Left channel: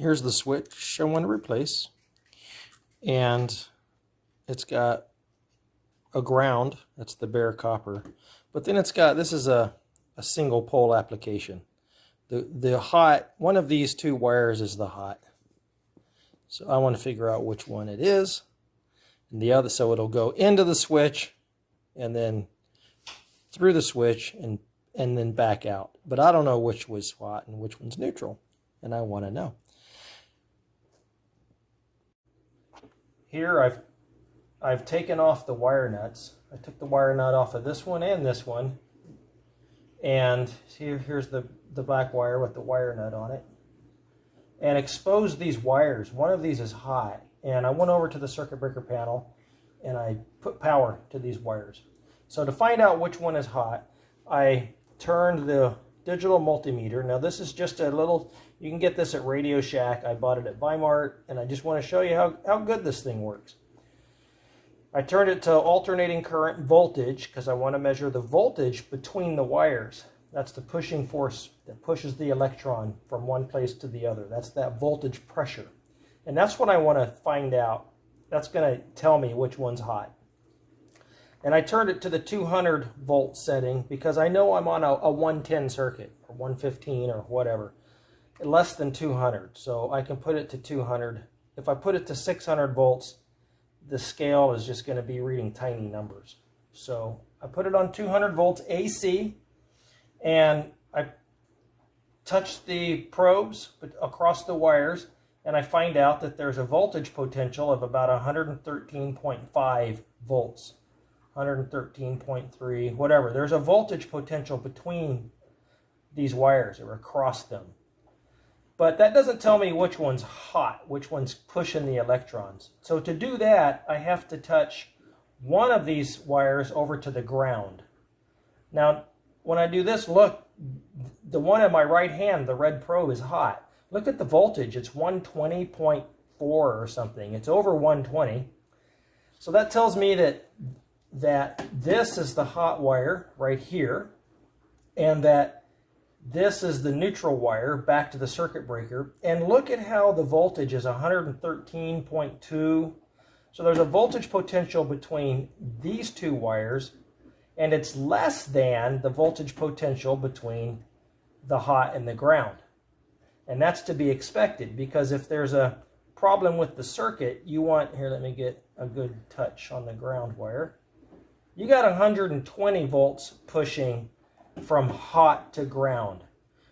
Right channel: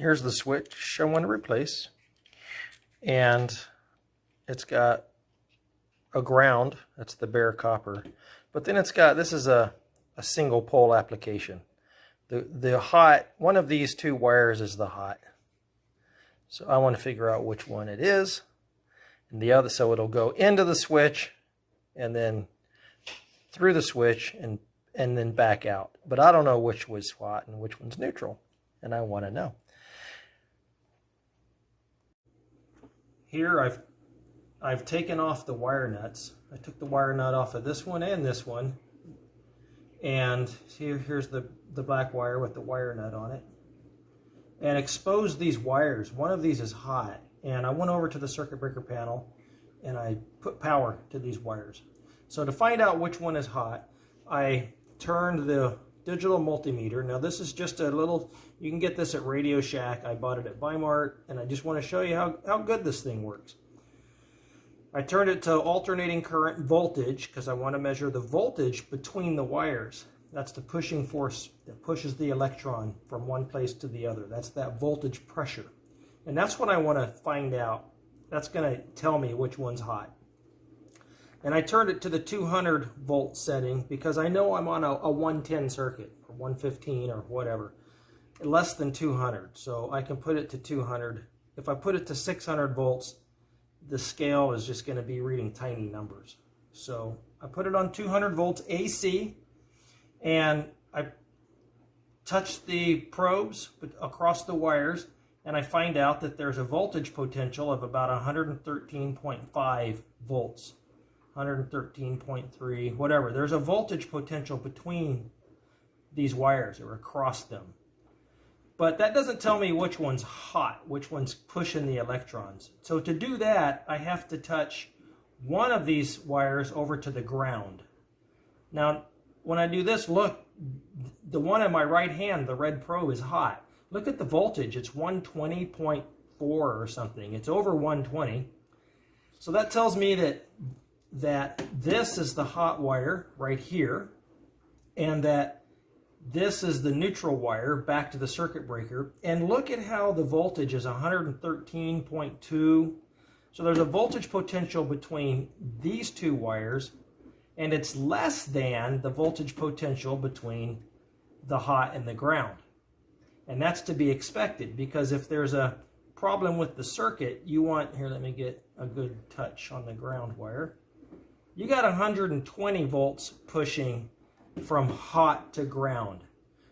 here's the switch I want to replace, and it's got a ground, that's the bare copper, but then it's got, this is a single pole application. The hot, one of these two wires is the hot. So I want to figure out which one it is. And the other, so it'll go into the switch and then through the switch and then back out. But I don't know which was hot and which one's neutral, and I want to know. Here I've taken off the wire nuts. I took the wire nut off of this one and this one. And here's the black wire with the wire nut on it. And exposed these wires. One of these is hot. And I went over to the circuit breaker panel and I put power to these wires. So to find out which one is hot, I turned the digital multimeter. Now this is just a little, you can get this at Radio Shack. I bought it at Weimart, and I just want to show you how good this thing works. I turned it to alternating current voltage because I want to measure the voltage between the wires. That's the pushing force that pushes the electron from one place to the other. That's that voltage pressure. And that's what I want to find out. That's going to tell me which one's hot. And I turned it to the 200 volt setting because I know I'm on a 110 circuit or 115 or whatever. Less than 200. So I can put it to 200. If I put it to 600 volts, the scale is just going to be reading tiny numbers. So I put it on 200 volts AC, and I touch the probes across the wires, and I find out that there's a voltage potential of about 113.5 volts, 113.3, whatever. There's a voltage potential between these wires or across them. But that doesn't tell me which one's hot, which one's pushing the electrons. So to do that, I have to touch one of these wires over to the ground. Now, when I do this, look, the one in my right hand, the red probe, is hot. Look at the voltage. It's 120.4 or something. It's over 120. So that tells me that this is the hot wire right here, and that this is the neutral wire back to the circuit breaker. And look at how the voltage is 113.2. So there's a voltage potential between these two wires, and it's less than the voltage potential between the hot and the ground. And that's to be expected, because if there's a problem with the circuit, you want, here, let me get a good touch on the ground wire. You got 120 volts pushing from hot to ground,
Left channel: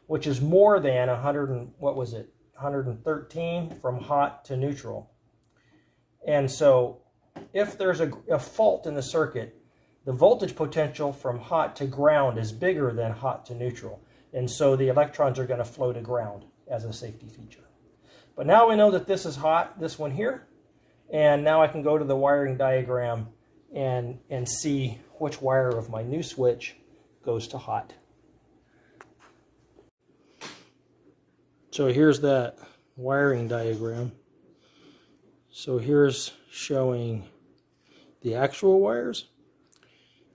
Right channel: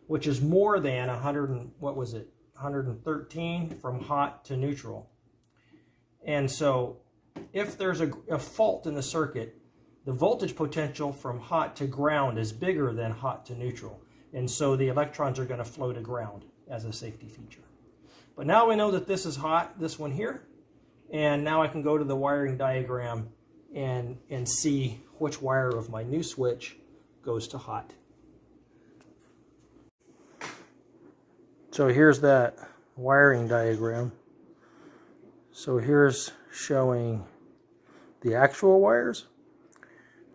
which is more than 113 from hot to neutral. And so if there's a fault in the circuit, the voltage potential from hot to ground is bigger than hot to neutral. And so the electrons are going to flow to ground as a safety feature. But now we know that this is hot, this one here. And now I can go to the wiring diagram and see which wire of my new switch goes to hot. So here's that wiring diagram. So here's showing the actual wires,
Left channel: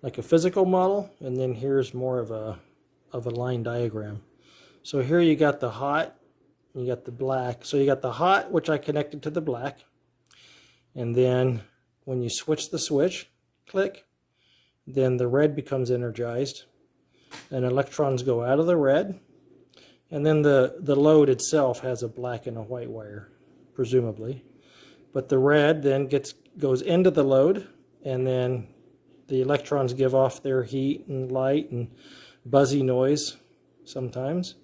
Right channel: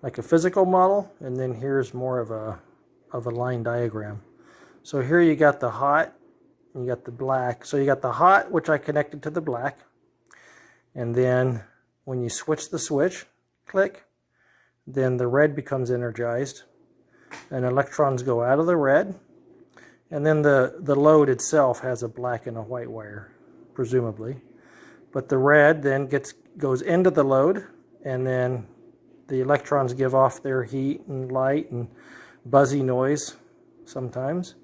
like a physical model, and then here's more of a line diagram. So here you got the hot, you got the black. So you got the hot, which I connected to the black, and then when you switch the switch, click, then the red becomes energized, and electrons go out of the red, and then the load itself has a black and a white wire, presumably. But the red then goes into the load, and then the electrons give off their heat and light and buzzy noise sometimes,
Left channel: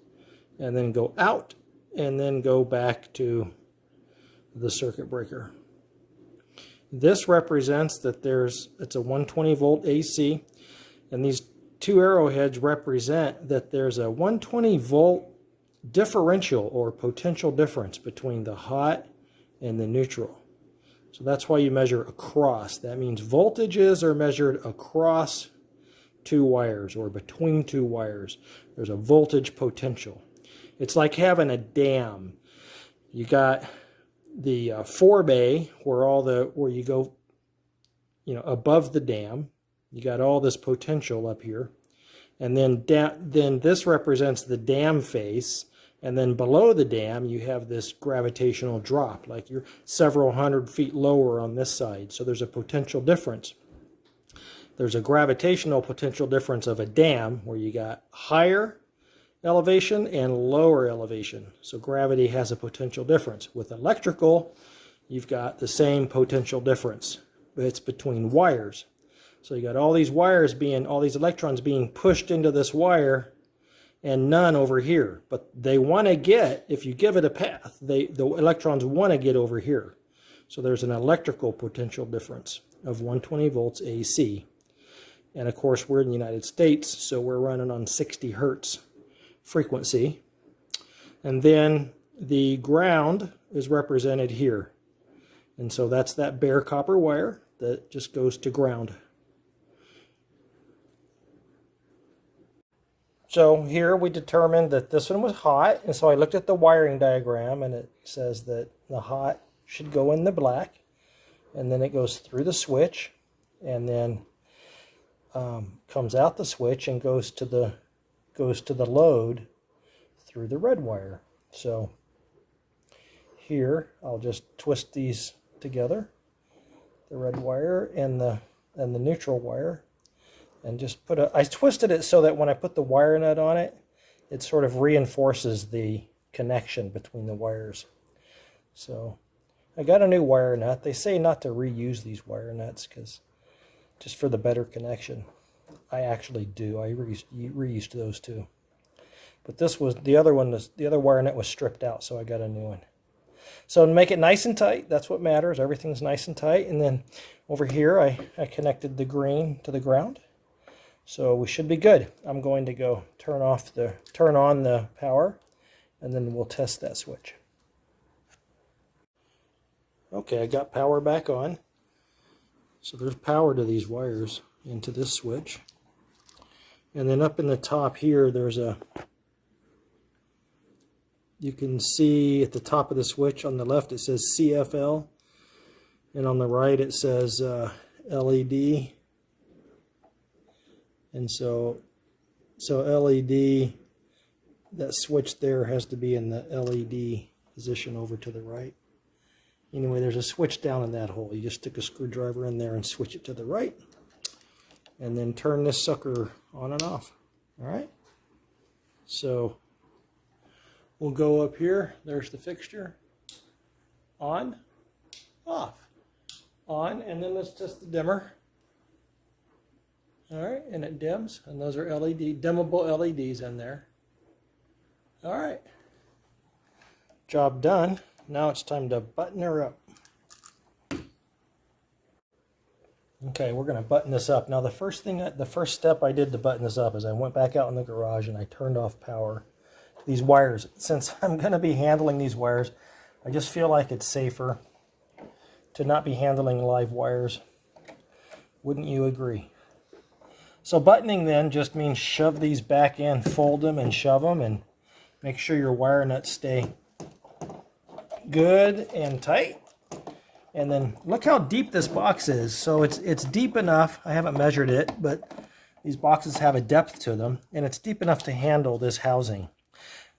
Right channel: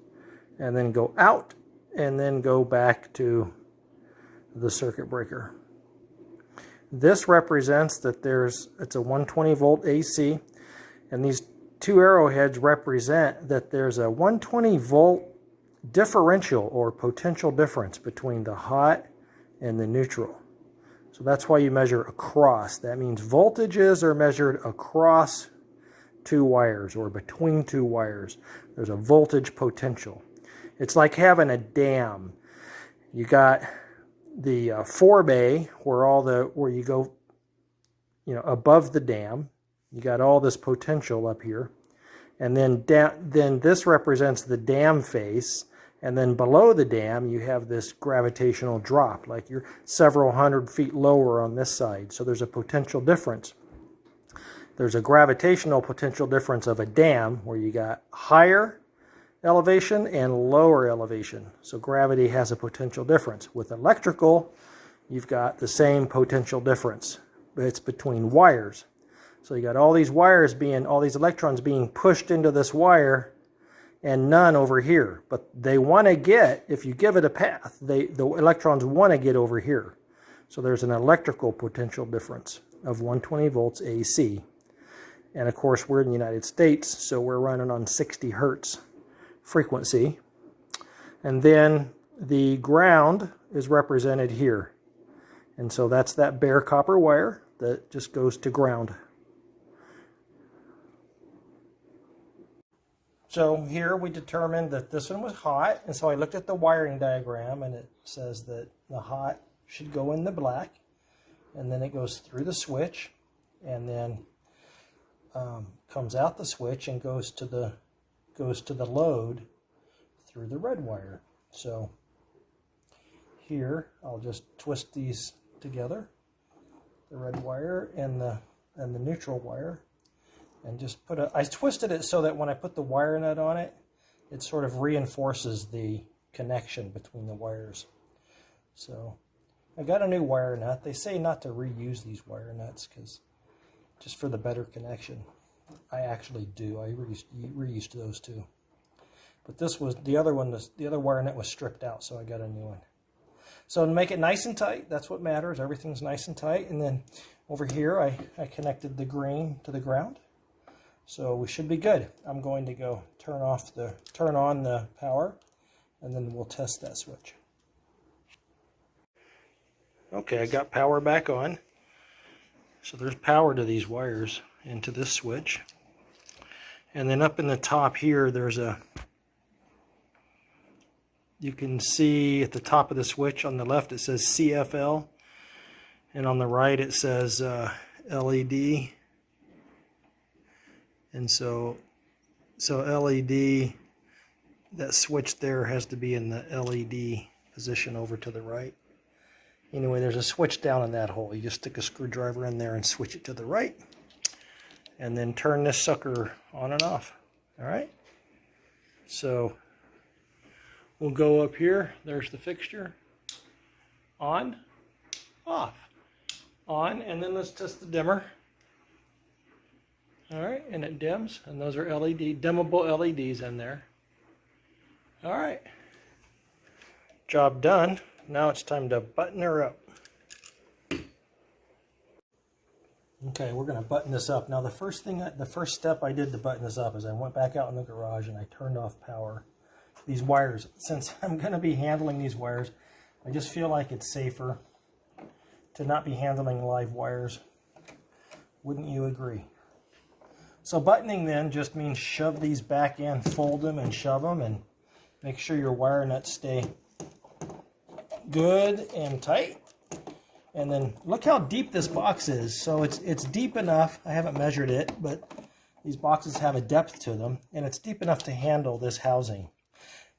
and then go out, and then go back to the circuit breaker. This represents that it's a 120 volt AC, and these two arrowheads represent that there's a 120 volt differential or potential difference between the hot and the neutral. So that's why you measure across. That means voltages are measured across two wires or between two wires. There's a voltage potential. It's like having a dam. You got the forebay where you go, above the dam. You got all this potential up here, and then this represents the dam face, And then below the dam, you have this gravitational drop, like you're several hundred feet lower on this side. So there's a potential difference. There's a gravitational potential difference of a dam where you got higher elevation and lower elevation. So gravity has a potential difference. With electrical, you've got the same potential difference, but it's between wires. So you got all these wires all these electrons being pushed into this wire, and none over here. But they want to get, if you give it a path, the electrons want to get over here. So there's an electrical potential difference of 120 volts AC. And of course, we're in the United States, so we're running on 60 hertz frequency. And then the ground is represented here. And so that's that bare copper wire that just goes to ground. So here we determined that this one was hot, and so I looked at the wiring diagram, and it says that the hot should go in the black, and then it goes through the switch, and then comes out the switch and goes to the load through the red wire. So here I'll just twist these together, the red wire and the neutral wire. And just I twisted it so that when I put the wire nut on it, it sort of reinforces the connection between the wires. So I got a new wire nut. They say not to reuse these wire nuts because just for the better connection. I actually do. I reused those too. But this was the other wire nut was stripped out, so I got a new one. So to make it nice and tight, that's what matters. Everything's nice and tight. And then over here, I connected the green to the ground. So we should be good. I'm going to go turn on the power, and then we'll test that switch. Okay, I got power back on. So there's power to these wires into this switch. And then up in the top here, you can see at the top of the switch on the left, it says CFL. And on the right, it says LED. And so LED, that switch there has to be in the LED position over to the right. Anyway, there's a switch down in that hole. You just stick a screwdriver in there and switch it to the right. And then turn this sucker on and off. All right? So we'll go up here. There's the fixture. On, off. On, and then let's test the dimmer. All right, and it dims, and those are dimmable LEDs in there. All right, job done. Now it's time to button her up. Okay, we're going to button this up. Now the first step I did to button this up is I went back out in the garage and I turned off power. These wires, since I'm going to be handling these wires, I just feel like it's safer to not be handling live wires. Wouldn't you agree? So buttoning then just means shove these back in, fold them and shove them, and make sure your wire nuts stay good and tight. And then look how deep this box is. So it's deep enough. I haven't measured it, but these boxes have a depth to them, and it's deep enough to handle this housing.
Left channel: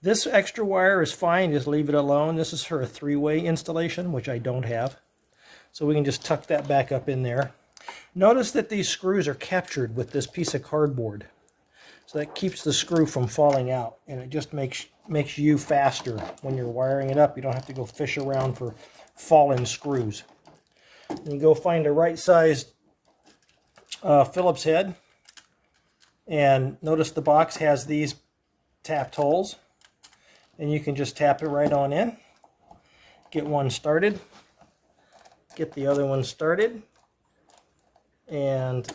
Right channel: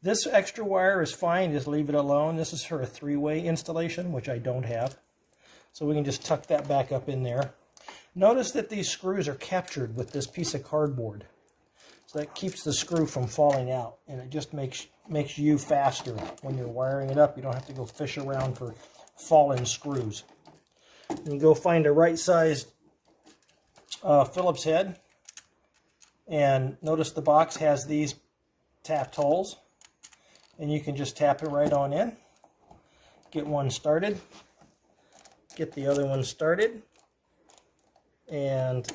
This extra wire is fine. Just leave it alone. This is for a 3-way installation, which I don't have. So we can just tuck that back up in there. Notice that these screws are captured with this piece of cardboard. So that keeps the screw from falling out, and it just makes you faster when you're wiring it up. You don't have to go fish around for fallen screws. You go find a right-sized Phillips head, and notice the box has these tapped holes, and you can just tap it right on in. Get one started, get the other one started, and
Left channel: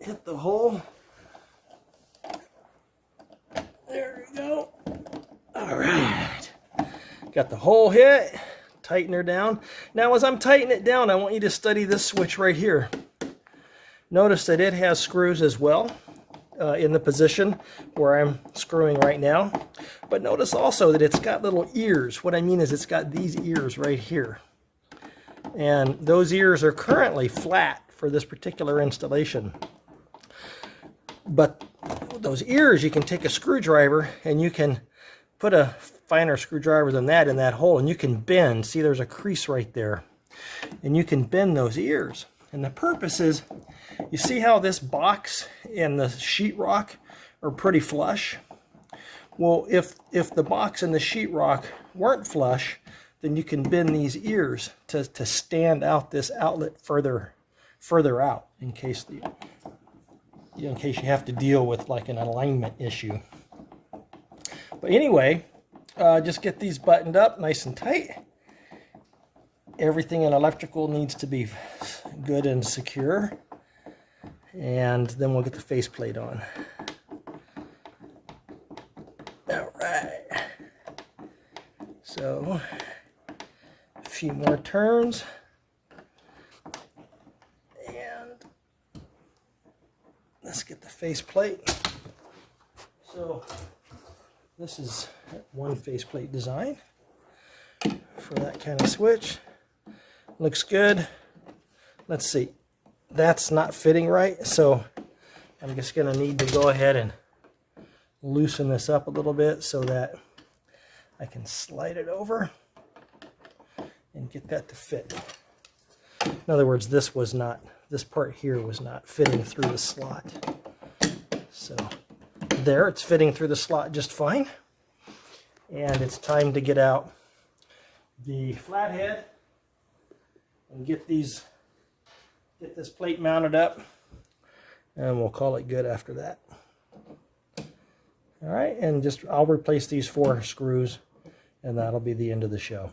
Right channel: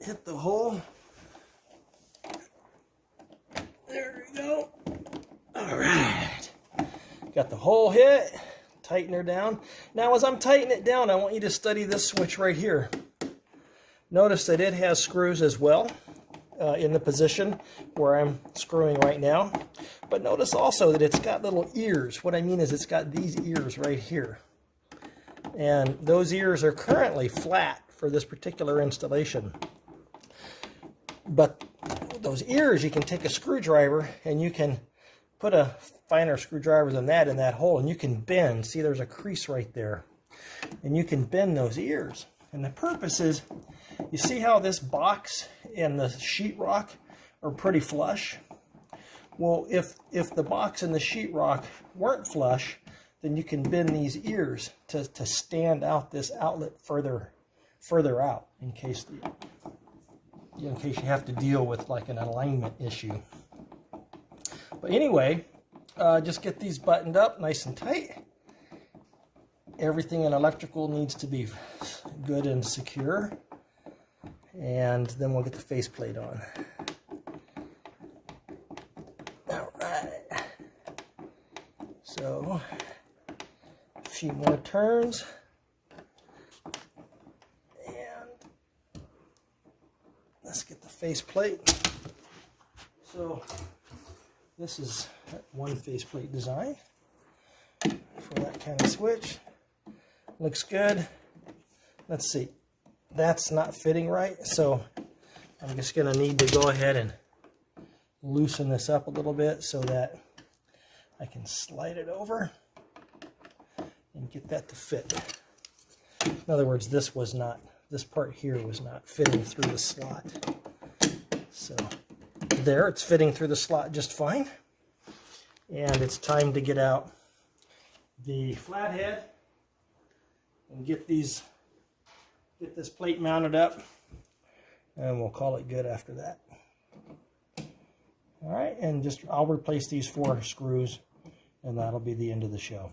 hit the hole. There we go. All right. Got the hole hit. Tighten her down. Now as I'm tightening it down, I want you to study this switch right here. Notice that it has screws as well in the position where I'm screwing right now. But notice also that it's got little ears. What I mean is it's got these ears right here. And those ears are currently flat for this particular installation. But those ears, you can take a screwdriver and you can put a finer screwdriver than that in that hole, and you can bend. See, there's a crease right there, and you can bend those ears. And the purpose is, you see how this box and the sheetrock are pretty flush? Well, if the box and the sheetrock weren't flush, then you can bend these ears to stand out this outlet further out in case you have to deal with like an alignment issue. But anyway, just get these buttoned up nice and tight. Everything in electrical needs to be good and secure. And then we'll get the faceplate on. All right. So, a few more turns. And let's get the faceplate. So, this is one faceplate design for that kind of switch. Looks good. Let's see. That's not fitting right, so I'm just going to need to go ahead and loosen this up a little bit so that I can slide it over and get that to fit. In other words, this part here was not fitting through the slot. So there, it's fitting through the slot just fine. And it's time to get out the flathead and get this plate mounted up, and we'll call it good after that. All right, and I'll replace these 4 screws, and that'll be the end of the show.